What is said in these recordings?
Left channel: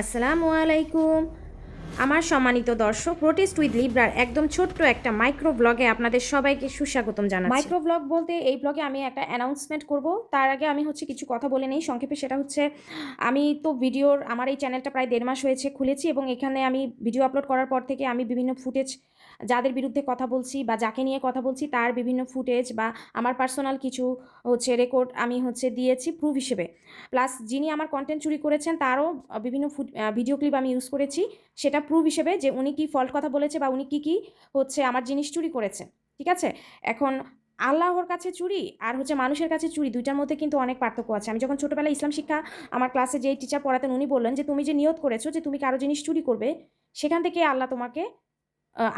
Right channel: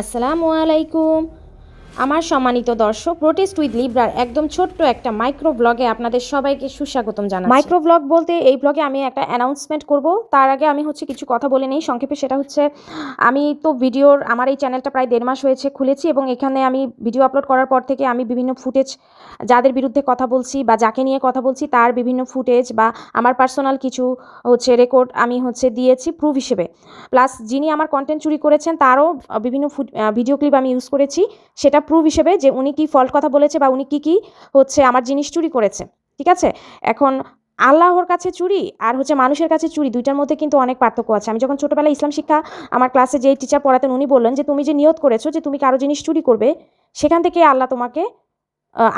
আসসালামু আলাইকুম। আমার সম্মানিত দর্শক, প্রোটেস্ট উইথ লিব্রার একদম ছোট্ট একটা মাইক্রো ব্লগে আপনাদের সবাইকে সুস্বাগতম জানাচ্ছি। মাইক্রো ব্লগ বলতে এই ব্লগে আমি একটা অ্যানাউন্সমেন্ট করব। তার আগে আমি কিছু কথা বলে নেই সংক্ষেপে। সেটা হচ্ছে, আমি তো আমার এই চ্যানেলটা প্রায় 1.5 মাস হয়েছে খুলেছি, এবং এখানে আমি ভিডিও আপলোড করার পর থেকে আমি বিভিন্ন ফুটেজ, যাদের বিরুদ্ধে কথা বলছি বা যাকে নিয়ে কথা বলছি তার বিভিন্ন ফুটেজ বা আমার পার্সোনাল কিছু রেকর্ড আমি দিয়েছি প্রুফ হিসেবে। প্লাস যিনি আমার কন্টেন্ট চুরি করেছেন তারও বিভিন্ন ভিডিও ক্লিপ আমি ইউজ করেছি, সেটা প্রুফ হিসেবে যে উনি কি ফল্ট কথা বলেছে বা উনি কি আমার জিনিস চুরি করেছে। ঠিক আছে, এখন আল্লাহর কাছে চুরি আর মানুষের কাছে চুরি, দুইটার মধ্যে কিন্তু অনেক পার্থক্য আছে। আমি যখন ছোটোবেলায় ইসলাম শিক্ষা আমার ক্লাসে যে টিচার পড়াতেন, উনি বললেন যে তুমি যে নিয়ত করেছো যে তুমি কারো জিনিস চুরি করবে, সেখান থেকে আল্লাহ তোমাকে,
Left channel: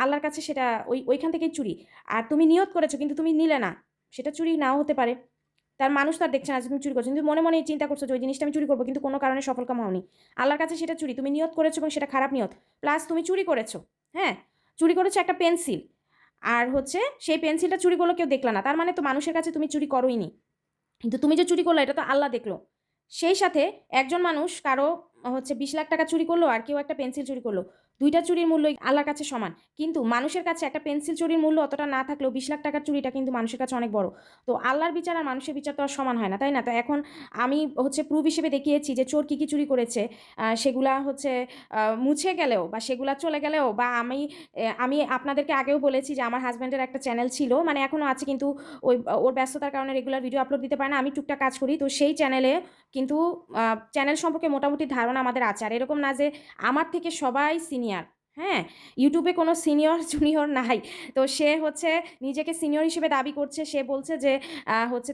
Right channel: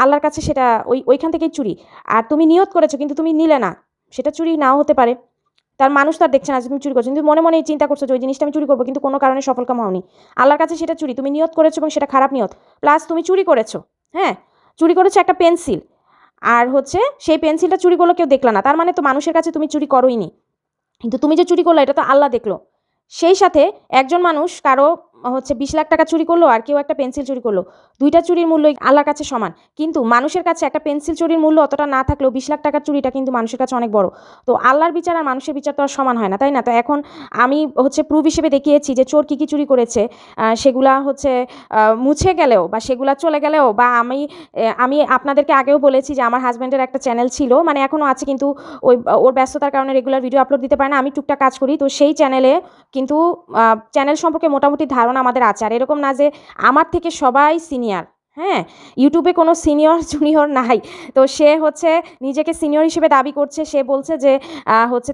আল্লাহর কাছে সেটা ওইখান থেকেই চুরি। আর তুমি নিয়ত করেছো কিন্তু তুমি নিলে না, সেটা চুরি নাও হতে পারে। তার মানুষ তো আর দেখছে না তুমি চুরি করছো, কিন্তু মনে মনে চিন্তা করছো যে ওই জিনিসটা আমি চুরি করবো, কিন্তু কোনো কারণে সফলকাম হওনি। আল্লাহর কাছে সেটা চুরি, তুমি নিয়ত করেছো এবং সেটা খারাপ নিয়ত, প্লাস তুমি চুরি করেছো। হ্যাঁ, চুরি করেছো একটা পেন্সিল, আর সেই পেন্সিলটা চুরি করলো কেউ দেখলো না, তার মানে তো মানুষের কাছে তুমি চুরি করোইনি, কিন্তু তুমি যে চুরি করলো এটা তো আল্লাহ দেখলো। সেই সাথে একজন মানুষ কারো 20 লাখ টাকা চুরি করলো আর কেউ একটা পেন্সিল চুরি করলো, দুইটা চুরির মূল্য আল্লাহর কাছে সমান। কিন্তু মানুষের কাছে একটা পেন্সিল চুরির মূল্য অতটা না থাকলেও 20 লাখ টাকার চুরিটা কিন্তু মানুষের কাছে অনেক বড়। তো আল্লাহর বিচার আর মানুষের বিচার তো আর সমান হয় না, তাই না? তো এখন আমি প্রুফ হিসেবে দেখিয়েছি যে চোর কী চুরি করেছে। সেগুলা মুছে গেলেও বা সেগুলা চলে গেলেও, বা আমি আপনাদেরকে আগেও বলেছি যে আমার হাজব্যান্ডের একটা চ্যানেল ছিল, মানে এখনও আছে, কিন্তু ওর ব্যস্ততার কারণে রেগুলার ভিডিও আপলোড দিতে পারে না। আমি টুকটাক কাজ করি, তো সেই চ্যানেলে কিন্তু চ্যানেল সম্পর্কে মোটামুটি ধারণা আমাদের আছে। আর এরকম না যে আমার থেকে সবাই সিনিয়র। হ্যাঁ, ইউটিউবে কোনো সিনিয়র জুনিয়র নাই। তো সে নিজেকে সিনিয়র হিসেবে দাবি করছে। সে বলছে যে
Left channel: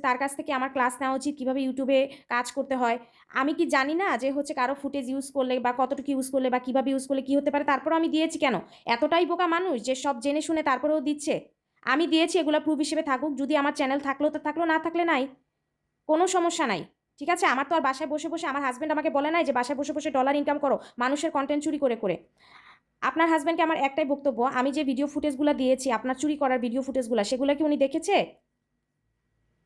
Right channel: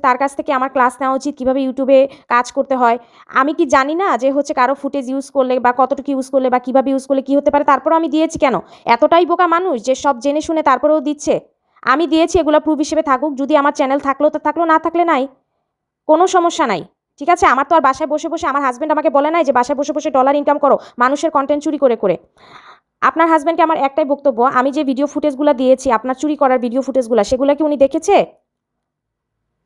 তার কাছ থেকে আমার ক্লাস নেওয়া উচিত, কীভাবে ইউটিউবে কাজ করতে হয়। আমি কি জানি না যে কারো ফুটেজ ইউজ করলে বা কতটুকু ইউজ করলে বা কীভাবে ইউজ করলে কী হতে পারে? তারপরেও আমি দিয়েছি কেন? এতটাই বোকা মানুষ যে সব জেনে শুনে তারপরেও দিচ্ছে? আমি দিয়েছি, এগুলো প্রুফ হিসেবে থাকুক। যদি আমার চ্যানেল থাকলেও তো থাকলো, না থাকলে নাই, কোনো সমস্যা নাই। ঠিক আছে, আমার তো আর বাসায় বসে বসে, আমার হাজব্যান্ড আমাকে বলে নাই যে বাসায় বসে বসে ডলার ইনকাম করো মানুষের কন্টেন্ট চুরি করে করে। আপনার হাজব্যান্ডকে আমার একটাই বক্তব্য, আমি যে ভিডিও ফুটেজগুলো দিয়েছি, আপনার চুরি করার ভিডিও ফুটেজগুলো, সেগুলো কি উনি দেখেছে?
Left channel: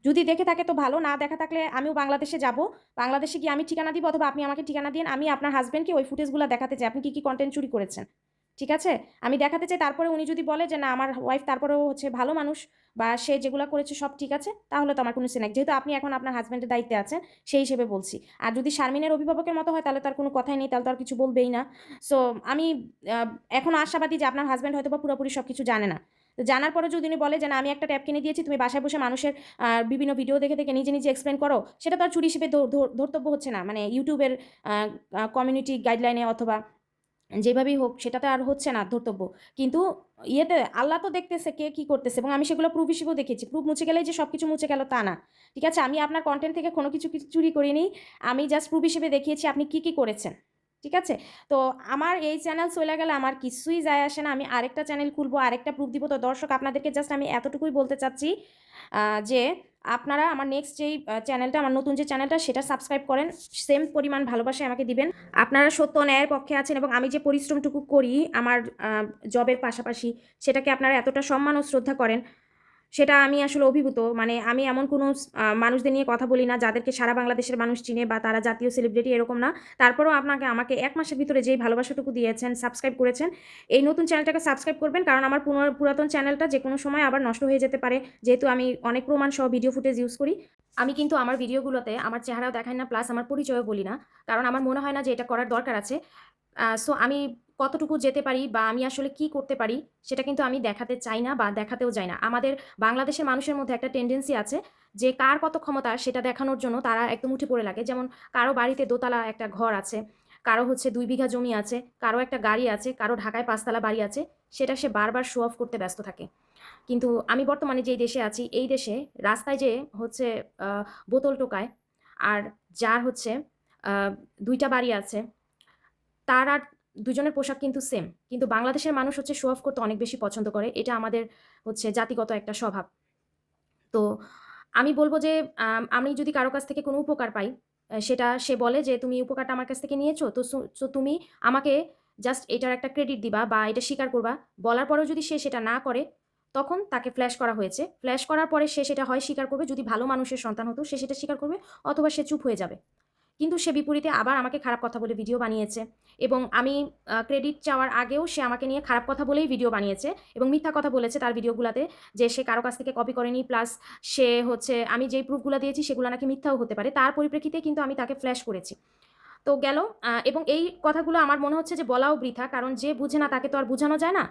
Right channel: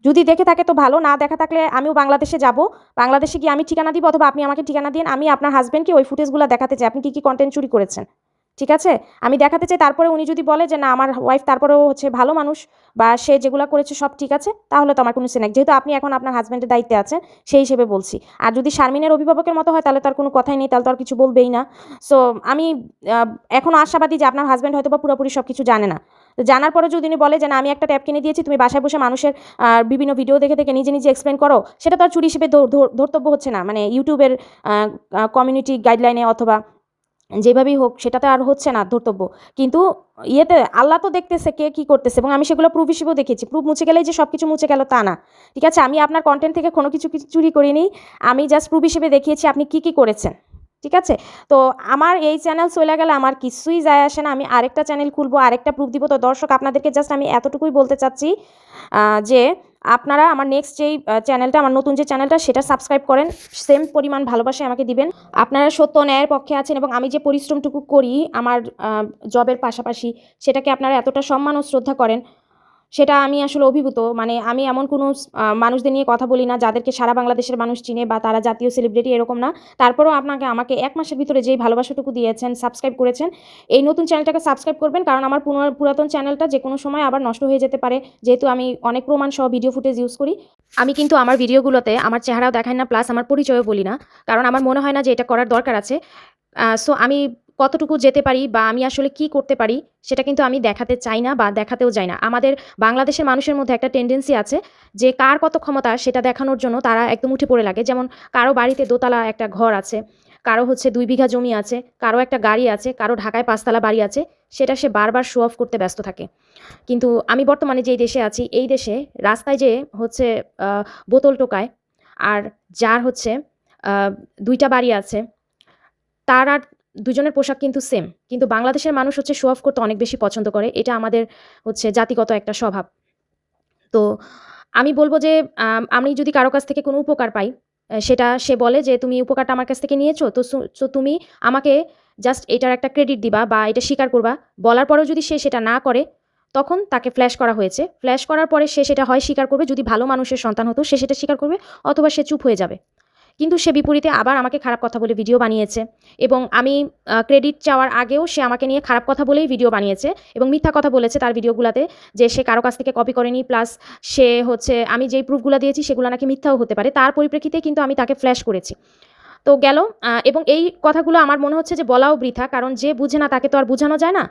যদি দেখে থাকে তো ভালো, না দেখা থাকলে আমিও বাংলাদেশে যাব। বাংলাদেশে গিয়ে আমি ঠিকানা দিব, অথবা আপনি আমাকে ঠিকানা দিন, আমি আপনার হাজব্যান্ডকে ওই ফুটেজগুলো দেখাতে চাই আপনি কী কন্টেন্ট চুরি করেছেন। ঠিক আছে, আমি দেখাতে চাই। তারপরে উনি যদি বলে যে না আমার ওয়াইফ তারপরেও ভালো মানুষ, বা সে যেগুলো করেছে সব ঠিক আছে, তাহলে তো আমার কোনো সিন নাই। যেহেতু আপনি এখন আপনার হাজব্যান্ডের দায়িত্বে আছেন, সেই হিসেবে বলছি। আর যদি শারমিনের অভিভাবকের মতো হয় তাহলে তো আর কোনো কথাই নেই, তাহলে তো আর কিছু বলবেই না। সো আমি এখনও আশাবাদী যে আপনার হাজব্যান্ড হয়তো বা পুরোপুরি সব কিছু জানে না। তো জানার পরে যদি উনি বলে যে না আমি একটা ট্যাব কিনে দিয়েছি, তুমি বাসায় বসে মানুষের বিভিন্ন ভিডিও দেখে দেখে নিজে নিজে এক্সপ্লেন করো, সেটা তো আর চুরি হিসেবে ধর্তব্য হচ্ছে না, মানে ইউটিউবের কমিউনিটি গাইডলাইনে অথবা যেভাবেই হোক, সেটাতে আর হচ্ছে না ধর্তব্য। কিন্তু আল্লাহ তো দেখতেছে কে কী করতেছে, এবং আমি সেগুলো প্রুফ হিসেবেও দেখেছি। প্রুফ মুছে গেলেই যে সব কিছু মুছে গেল তা না। ঠিক আছে, আমি আপনার কন্টেন্ট থেকে কোনো কিছু চুরি করিনি, আমি জাস্ট প্রুফ হিসেবে দেখিয়েছি আপনি কী করেছেন। ঠিক আছে, তো আমার এই চ্যানেল চলে গেলে আমার কিছুই যায় আসে না, আমি আরেকটা চ্যানেল খুলবো, আরেকটা প্রুফ দিব। তো দর্শক, আপনাদেরকে জাস্ট আমি এতটুকুই বলতে চাচ্ছি যে আপনারা আমার নেক্সট যেই চ্যানেলটা, আমার নতুন যে চ্যানেলটা, সেটা সাবস্ক্রাইব করেন, সেম পরিমাণ ভালোবাসা আমাকে দিবেন। আপনারা সত্য ন্যায়ের পক্ষে আছেন, এবং আমি যে পরিশ্রমটুকু করি আমার জবের পাশাপাশি, সেটাকে আপনারা এতটা সম্মান ও শ্রদ্ধা করেন, সেটা আমি আসলে অভিভূত। মানে আমি এমন কোনো মানুষদের নিয়ে কথা বলি না যাদেরকে সারা বাংলাদেশের মানুষ চিনে বা তারা জাতীয় সেলিব্রিটি, এরকম না। তারপরেও আমাকে 1 মাসের ভিতরে যেই ভালোবাসাটুকু দিয়েছেন, সাবস্ক্রাইব করেছেন, এই নতুন চ্যানেলটাকে সাবস্ক্রাইব করবেন, কারণ আমার পুরাতন চ্যানেলটা যে কোনো সময় আবার নষ্ট হয়ে যেতে পারে, যেহেতু আমি অনেক প্রমাণ সহ ভিডিও ফুটেজ ইউজ করি। আমি কিন্তু আমার ভিডিওগুলোতে আমার চেহারাও দেখাই না, প্লাস আমার পরিচয়ও বলি না, কারণ আমার মনে হয় না যে এটা করার দরকার আছে। সো আমি কতটুকু যেতে পারি বা আমি আসলে কি করতে পারি, সেটা কিন্তু আমি দেখাতে চাই না বা দেখাতেও চাই না। আমাদের বাংলাদেশের মানুষের মধ্যে একটা টেন্ডেন্সি আছে যে কার কত ক্ষমতা সেটা দেখানোর জন্য তারা একদম উঠে পড়ে লাগে। যেমন কারো বাড়িতে দোতলা একটা ঘর আছে, কারো 2 বিঘা জমি আছে, কারো একটা গাড়ি আছে, কারো ঢাকায় 5 তলা বাড়ি আছে, সেটা সে বারবার শো অফ করতে ব্যস্ত থাকে। কিন্তু আমি বর্তমানে যেই দেশে আছি, এই দেশে রাস্তায় যে বোতল টোকায়, আর যার 2টা বাড়ি আছে, তার আর দুজনের পোশাক কিন্তু সেম। কিন্তু বাংলাদেশের মানুষ শো অফ করতে অনেক বেশি পছন্দ করে। এটা আমাদের জাতিগত একটা স্বভাব। তো আমি বলব যে আমি যদি কারো কাছ থেকে কোনো উপকার পাই, সেটা সে বলে যে তুমি উপকারটা আমার কাছ থেকে নিয়েছো, তো তুমি আমাকে জাস্ট এটার একটা ক্রেডিট দিবা বা এটা স্বীকার করবা। বলার পরেও যদি সে সেটা না করে, তখন তাকে ফ্ল্যাশ করা হয়েছে। ফ্ল্যাশ করার পরে সে সেটা হয় স্বীকার করবে, যদি ভালো মানুষের সন্তান হতো সে সেটা স্বীকার করবে, অথবা সে চুপ হয়ে যাবে। কিন্তু সে বিপরীতে আবার আমাকে খারাপ কথা বলে ভিডিও বানিয়েছে এবং আমি ক্রেডিট চাওয়ার আগেও সে আমাকে নিয়ে খারাপ কথা বলেই ভিডিও বানিয়েছে এবং মিথ্যা কথা বলেছে তার ভিডিওগুলোতে যে সে কারো কাছ থেকে কপি করেনি, প্লাস সে হচ্ছে আমি যেই প্রুফগুলো দিয়েছি সেগুলো নাকি মিথ্যাও হতে পারে। তার পরিপ্রেক্ষিতে কিন্তু আমি তাকে ফ্ল্যাশ করেছি। তো গেল এবং এই কথাগুলো আমার মনে হচ্ছে যে বলাও বৃথা, কারণ যে বুঝে না তাকে তো আর বোঝানো যায় না।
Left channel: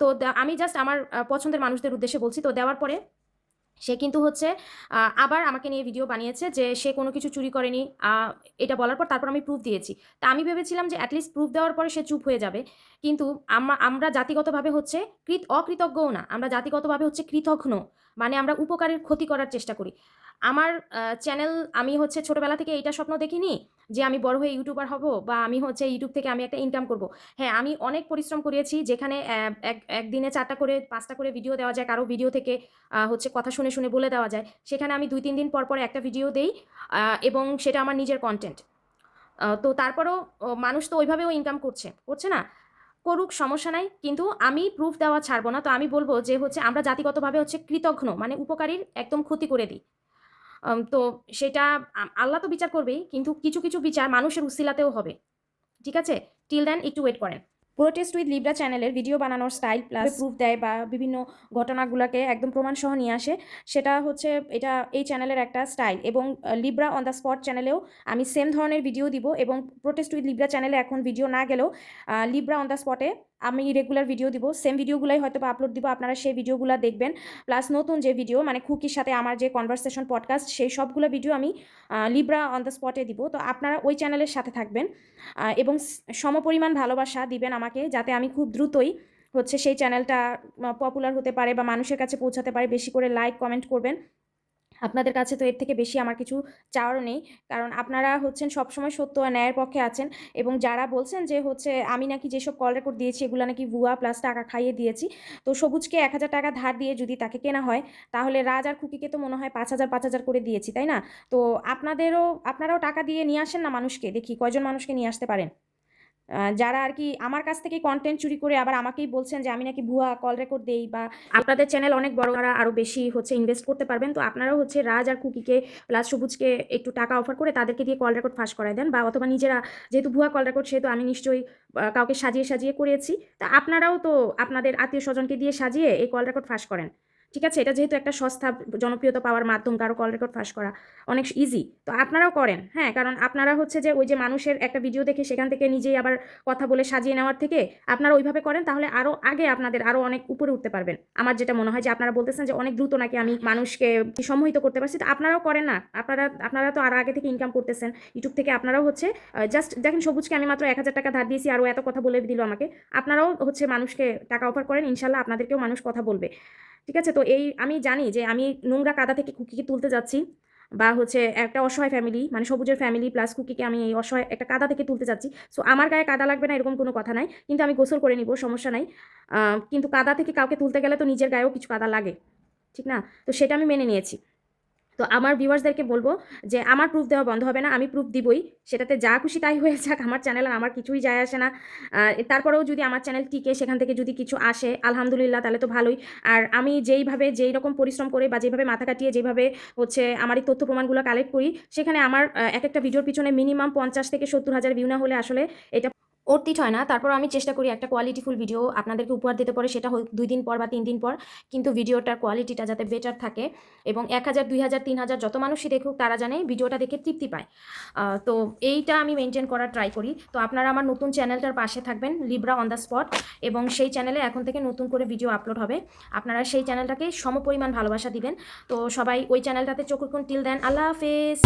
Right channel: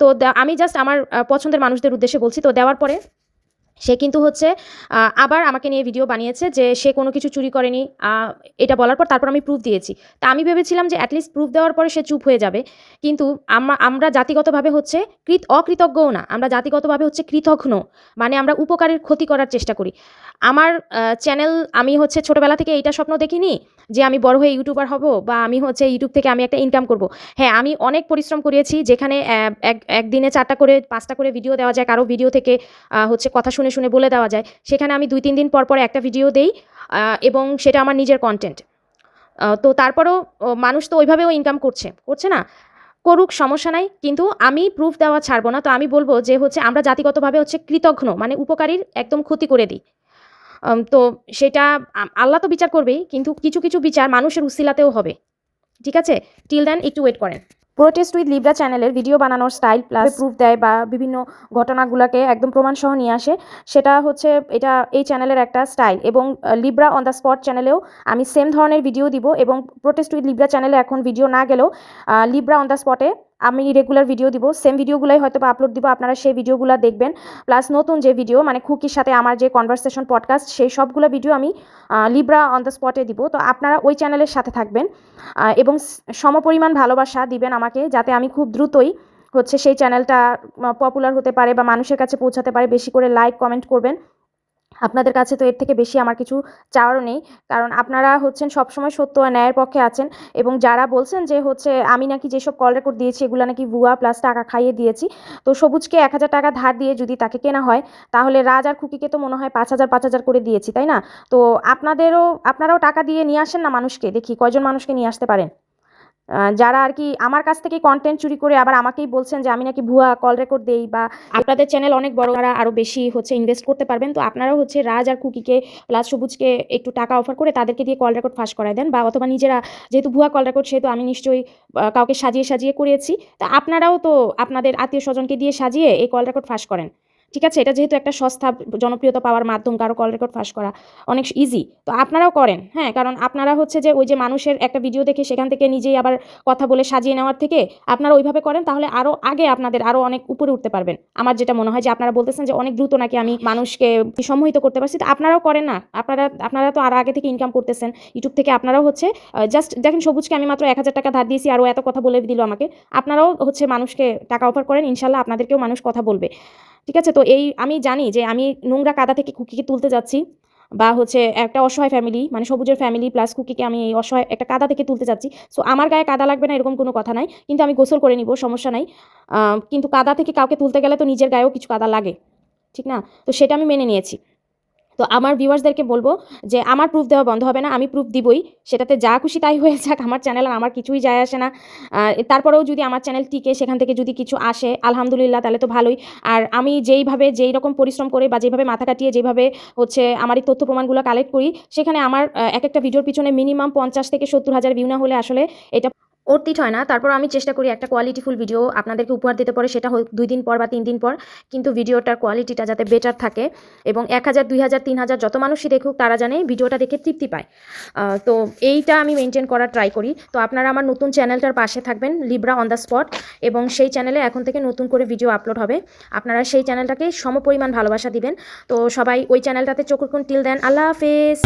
তো আমি জাস্ট আমার পছন্দের মানুষদের উদ্দেশ্যে বলছি। তো দেওয়ার পরে সে কিন্তু হচ্ছে আবার আমাকে নিয়ে ভিডিও বানিয়েছে যে সে কোনো কিছু চুরি করেনি। এটা বলার পর তারপর আমি প্রুফ দিয়েছি। তা আমি ভেবেছিলাম যে অ্যাটলিস্ট প্রুফ দেওয়ার পরে সে চুপ হয়ে যাবে, কিন্তু আমরা জাতিগতভাবে হচ্ছে অকৃতজ্ঞও না, আমরা জাতিগতভাবে হচ্ছে কৃতঘ্ন, মানে আমরা উপকারের ক্ষতি করার চেষ্টা করি। আমার চ্যানেল, আমি হচ্ছে ছোটোবেলা থেকে এইটা স্বপ্ন দেখিনি যে আমি বড় হয়ে ইউটিউবার হব বা আমি হচ্ছে ইউটিউব থেকে আমি একটা ইনকাম করব। হ্যাঁ, আমি অনেক পরিশ্রম করেছি, যেখানে একদিনে 4টা করে 5টা করে ভিডিও দেওয়া যায়, কারো ভিডিও থেকে হচ্ছে কথা শুনে শুনে বলে দেওয়া যায়, সেখানে আমি 2-3 দিন পর পর একটা ভিডিও দেই এবং সেটা আমার নিজের কন্টেন্ট। তো তারপরেও মানুষ তো ওইভাবেও ইনকাম করছে না, করুক, সমস্যা নাই, কিন্তু আমি প্রুফ দেওয়া ছাড়বো না। তো আমি বলবো যে হচ্ছে আমরা জাতিগতভাবে হচ্ছে কৃতঘ্ন, মানে উপকারীর একদম ক্ষতি করে দিই। তো সেটা আল্লাহ তো বিচার করবেই, কিন্তু কিছু কিছু বিচার মানুষের উসিলাতেও হবে। ঠিক আছে, টিল দেন একটু ওয়েট করেন। প্রোটেস্ট উইথ লিব্রা চ্যানেলের ভিডিও বানানোর স্টাইল প্লাস প্রুফ দেয় বা বিভিন্ন ঘটনাগুলোকে একদম প্রমাণসহ নিয়ে আসে, সেটা হচ্ছে এই চ্যানেলের একটা স্টাইল। এবং লিব্রা অন দ্য স্পট চ্যানেলেও আমি সেম ধরনের ভিডিও দিব, এবং প্রোটেস্ট উইথ লিব্রা চ্যানেলে এখন ভিডিও না গেলেও লিব্রা অন দ্য স্পটে আমি রেগুলার ভিডিও দিব, সেম ভিডিওগুলোই হয়তো বা আপলোড দিব, আপনারা সেই ভিডিওগুলো দেখবেন। প্লাস নতুন যে ভিডিও, মানে খুকির সাথে আমার যে কনভারসেশন পডকাস্ট, সেই সবগুলো ভিডিও আমি লিব্রা অন দ্য স্পটে দিব। তো আপনারা ওই চ্যানেলের সাথে থাকবেন এবং সমপরিমাণ ভালোবাসা দিবেন আমাকে, যাতে আমি খুব দ্রুতই হচ্ছে সেই চ্যানেলটা পপুলার হতে পারে বা মানুষের কাছে পৌঁছাতে পারে। বেশি করে লাইক কমেন্ট করবেন, আপনাদের কাছে তো এর থেকে বেশি আমার কিছু চাওয়ারও নেই, কারণ আপনারা হচ্ছেন সবসময় সত্য আর ন্যায়ের পক্ষে আছেন। এবং যারা বলছেন যে হচ্ছে আমি নাকি যেসব কল রেকর্ড দিয়েছি এগুলো নাকি ভুয়া প্লাস টাকা খাইয়ে দিয়েছি, তো সবুজকে 1000 টাকা ধার দিয়ে যদি তাকে কেনা হয়, তাহলে রাজ আর খুকিকে তো মনে হয় 5000 করে দিয়েছি, তাই না? তো আপনারাও টাকা দিয়ে নিয়ে আসেন না মানুষকে, দেখি কয়জন মানুষকে নিয়ে আসতে পারেন যারা আর কি আমার কাছ থেকে কন্টেন্ট চুরি করে আবার আমাকেই বলছেন যে আমি নাকি ভুয়া কল রেকর্ড দেই। বা আপনাদের চ্যানেল অনেক বড়, তারা আরও বেশি হচ্ছে ইনভেস্ট করতে পারবেন, তো আপনারাও হচ্ছে রাজ আর কুকিকে প্লাস সবুজকে একটু টাকা অফার করে তাদেরকে দিয়ে কল রেকর্ড ফাঁস করায় দেন, বা অথবা নিজেরা, যেহেতু ভুয়া কল রেকর্ড সেহেতু আমি নিশ্চয়ই কাউকে সাজিয়ে সাজিয়ে করিয়েছি, তা আপনারাও তো আপনাদের আত্মীয় স্বজনকে দিয়ে সাজিয়ে এই কল রেকর্ড ফাঁস করেন। ঠিক আছে, এটা যেহেতু একটা সস্তা জনপ্রিয়তা পাওয়ার মাধ্যম, কারো কল রেকর্ড ফাঁস করা অনেক ইজি, তো আপনারাও করেন। হ্যাঁ, কারণ আপনারা হচ্ছে যে ওই যে মানুষের একটা ভিডিও দেখে সেখান থেকে নিজেই আবার কথা বলে সাজিয়ে নেওয়ার থেকে আপনারা ওইভাবে করেন, তাহলে আরও আগে আপনাদের আরও অনেক উপরে উঠতে পারবেন। আমার যেটা মনে হয় যে আপনারা বলতেছেন যে অনেক দ্রুত নাকি আমি মানুষকে সম্মোহিত করতে পারছি, তো আপনারাও করেন না। আপনারা তো আর আগে থেকে ইনকাম করতেছেন ইউটিউব থেকে, আপনারাও হচ্ছে জাস্ট দেখেন সবুজকে আমি মাত্র 1000 টাকা ধার দিয়েছি, আরও এত কথা বলে দিল আমাকে। আপনারাও হচ্ছে মানুষকে টাকা অফার করেন, ইনশাল্লাহ আপনাদেরকেও মানুষ কথা বলবে। ঠিক আছে, তো আমি জানি যে আমি নোংরা কাদা থেকে খুকিকে তুলতে যাচ্ছি, বা হচ্ছে একটা অসহায় ফ্যামিলি, মানে সবুজের ফ্যামিলি প্লাস কুকিকে আমি এই অসহায় একটা কাদা থেকে তুলতে যাচ্ছি। সো আমার গায়ে কাদা লাগবে না এরকম কোনো কথা নাই, কিন্তু আমি গোসল করে নিব, সমস্যা নাই। কিন্তু কাদা থেকে কাউকে তুলতে গেলে তো নিজের গায়েও কিছু কাদা লাগে, ঠিক না? তো সেটা আমি মেনে নিয়েছি। তো আমার ভিউয়ার্সদেরকে বলবো যে আমার প্রুফ দেওয়া বন্ধ হবে না, আমি প্রুফ দিবই, সেটাতে যা খুশি তাই হয়ে যাক, আমার চ্যানেল আর আমার কিছুই যায় আসে না। তারপরেও যদি আমার চ্যানেল টিকে, সেখান থেকে যদি কিছু আসে আলহামদুলিল্লাহ, তাহলে তো ভালোই। আর আমি যেই রকম পরিশ্রম করে বা যেভাবে মাথা কাটিয়ে যেভাবে হচ্ছে আমার এই তথ্য প্রমাণগুলো কালেক্ট করি, সেখানে আমার এক একটা ভিডিওর পিছনে মিনিমাম 50 থেকে 70 হাজার ভিউ না হলে আসলে এটা অর্থিত হয় না। তারপর আমি চেষ্টা করি একটা কোয়ালিটিফুল ভিডিও আপনাদেরকে উপহার দিতে পারে, সেটা হোক 2 দিন পর বা 3 দিন পর, কিন্তু ভিডিওটার কোয়ালিটিটা যাতে বেটার থাকে এবং 1000, 2000, 3000 যত মানুষই দেখুক তারা জানে ভিডিওটা দেখে তৃপ্তি পায়। তো এইটা আমি মেনটেন করার ট্রাই করি। তো আপনারা আমার নতুন চ্যানেলটার পাশে থাকবেন, লিব্রা অন দ্য স্পট, এবং সেই চ্যানেলে এখন থেকে নতুন করে ভিডিও আপলোড হবে। আপনারা সেই চ্যানেলটাকে সমপরিমাণ ভালোবাসা দিবেন। তো সবাই ওই চ্যানেলটাতে চোখ রাখুন। টিল দেন, আল্লাহ হাফেজ।